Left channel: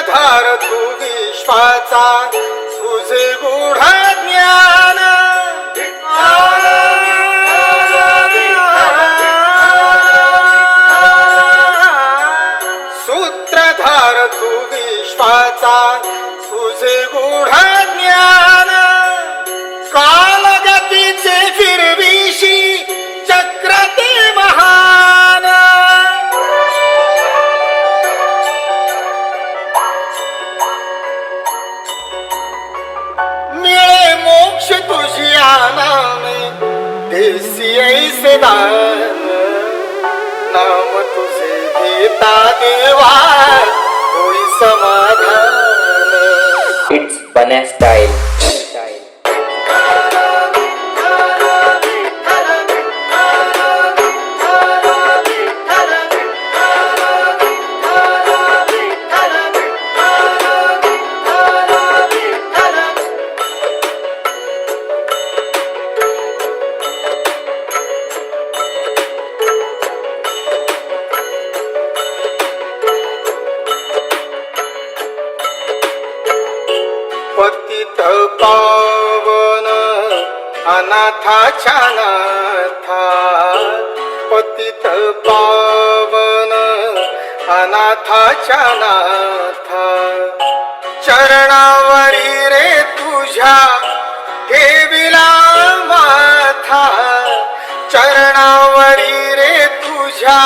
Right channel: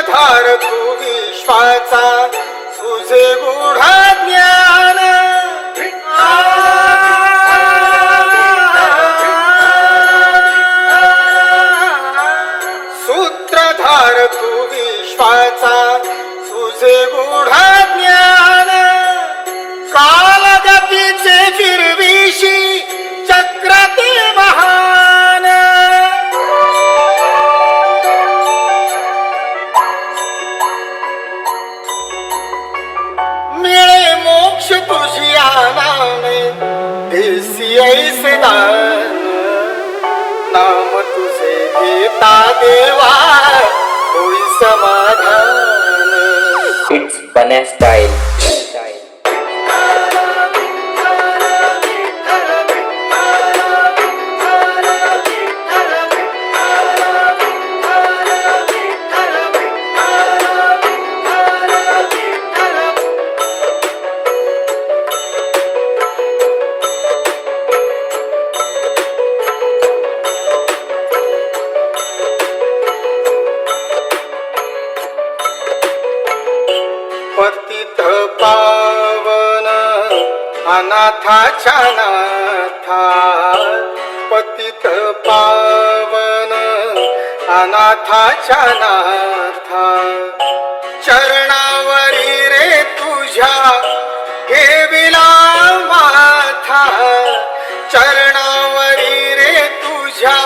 सूत्रधार तू विश्वाचा तुझे गूढ ज्ञान सूत्रधार तू विश्वाचा तुझे गूढ ज्ञान कालगतीचे फिरविशी चक्र ते महान मिळे मोक्ष तुझी आनाने देसी ऐसे दान नाम तुझे घेता देवा होई समाधान. इट्स बन्या स्टाईल. पतित पावन अनाथाच्या नाथा पतित पावन अनाथाच्या नाथा चरणावरी रे तुझ्या ठेविला माथा चरणावरी रे तुझ्या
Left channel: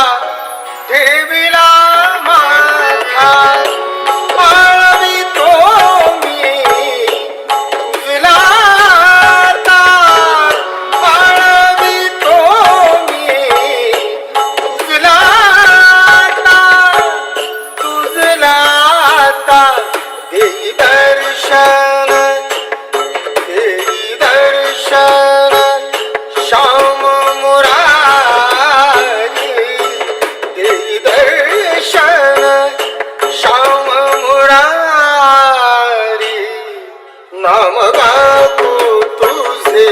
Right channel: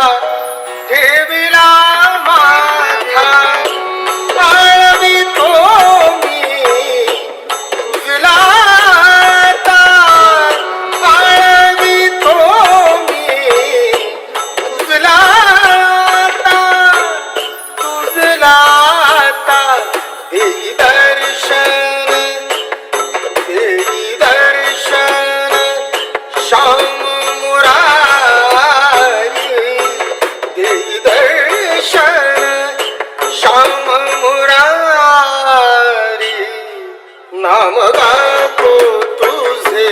ठेविला माथा आळवितो देई दर्शन श्याम मुरारी देई दर्शन श्याम मुरारी नाम गातो तुझे